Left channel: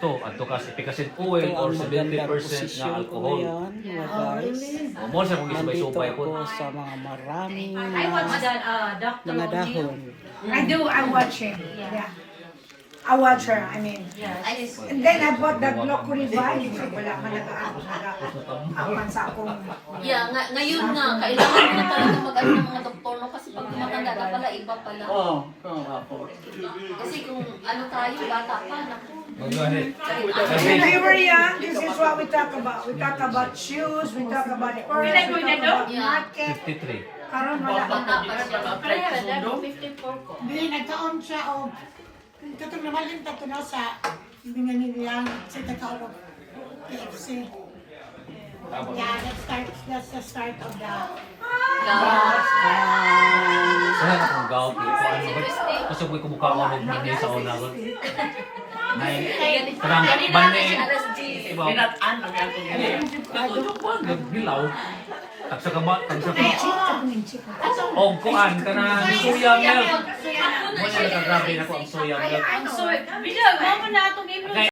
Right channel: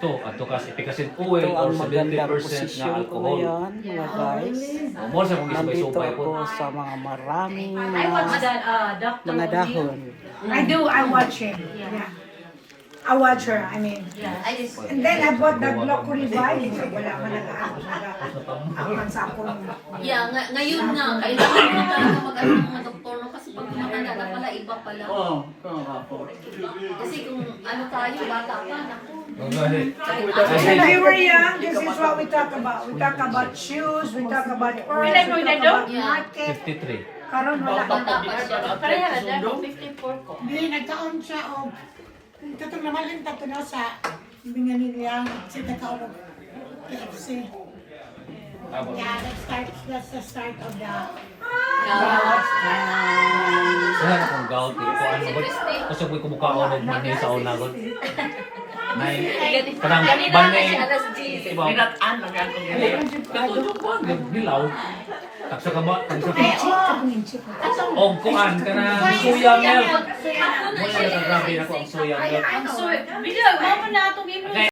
gusto ato ka efficacy oil Ito or ang magandang 70% na posisyon ko alcohol. ngayon, mga guys. Mo sa kung Nandito isubay-subay po. ako sa mga maraming I watch that Dr. mga O'Neill. dahon. I do. I watch him. Yeah. I watch her. I mean. I just And then I bought that Loco Revive. So wala ka nag-aapan sa akong. ngayon nga kailangan mo talaga mag-ano ng mga doktor no kasi pag matanda na pala iba pala. Oo, ako. Kasi kung ano tayo bata pa naku. Go ahead. When we were young, this is what we talk about. We talk about shoes. We talk about purse. We talk about market. 53. Karon wala. Bata pa siya. Pero yan, 54 ko. Hindi, nagkaon siya o katong namalin tato na sa bingan niya sa nagkaon of PFC. Yeah, that's the start of the Wala na kung gout ko ano ba? Kasi ko kumukha ko og mani sa una ko. Nay kanang bani iba. Gilaw. Taksa ka ba? Taksa ka. Og kuan kana soya milk. Mo na grabe ako ang soya milk. I'm sorry. Bila, mo na itong